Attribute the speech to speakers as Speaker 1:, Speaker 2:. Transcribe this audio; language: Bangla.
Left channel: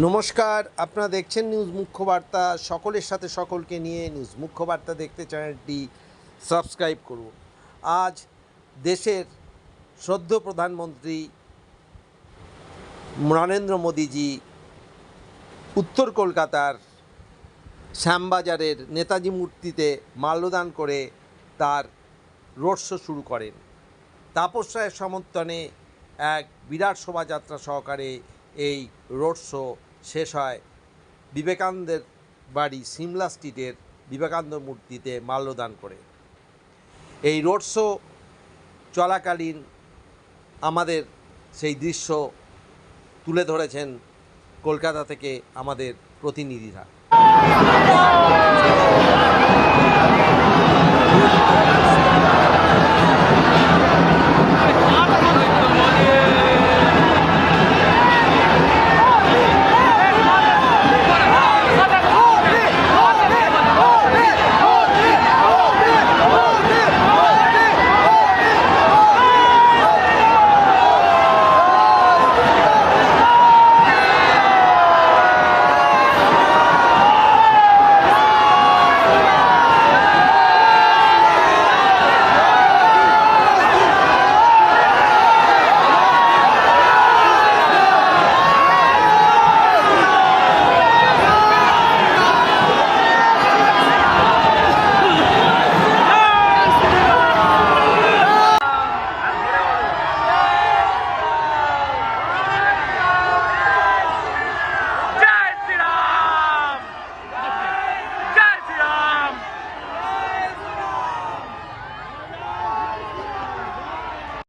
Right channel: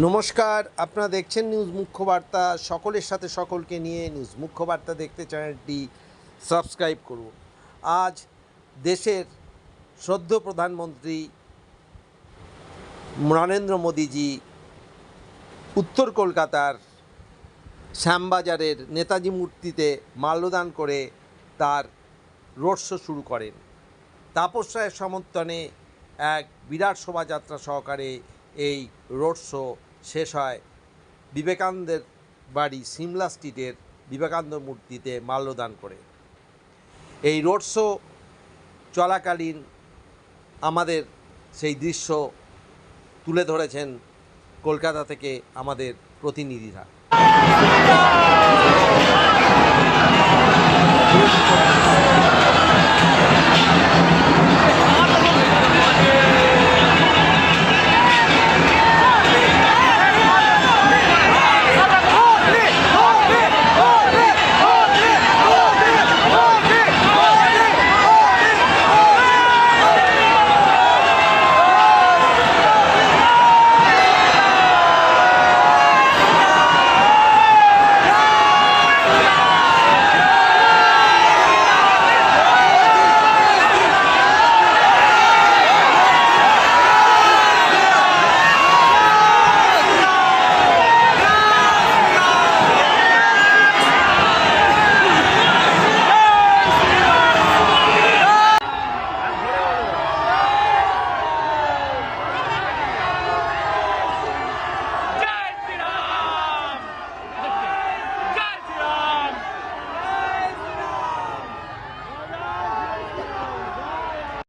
Speaker 1: নমস্কার, আপনারা দেখছেন নিউজ মুখ্য বার্তা সকলের সাথে সকলকে নিয়ে নিউজ মুখ্য বার্তা দেখতে চ্যানেলটি সাবস্ক্রাইব করুন। আজ দেশের শ্রদ্ধ প্রধানমন্ত্রী নরেন্দ্র মোদীজি উত্তর কলকাতার শ্যামবাজারের নেতাজি মূর্তিতে মাল্যদান করে তার রোড শো শুরু করেন। তাপস রায়ের সমর্থনে এক বিরাট শোভাযাত্রা সহকারে এই রোড শো শেষ হয়। বিবেকানন্দের বাড়ি সিমলা স্ট্রিটের বিবেকানন্দ মূর্তিতে মাল্যদান করে। এই রোড শো চলাকালীন আমাদের সেই দৃশ্য তুলে ধরেছেন কলকাতা থেকে আমাদের প্রতিনিধিরা।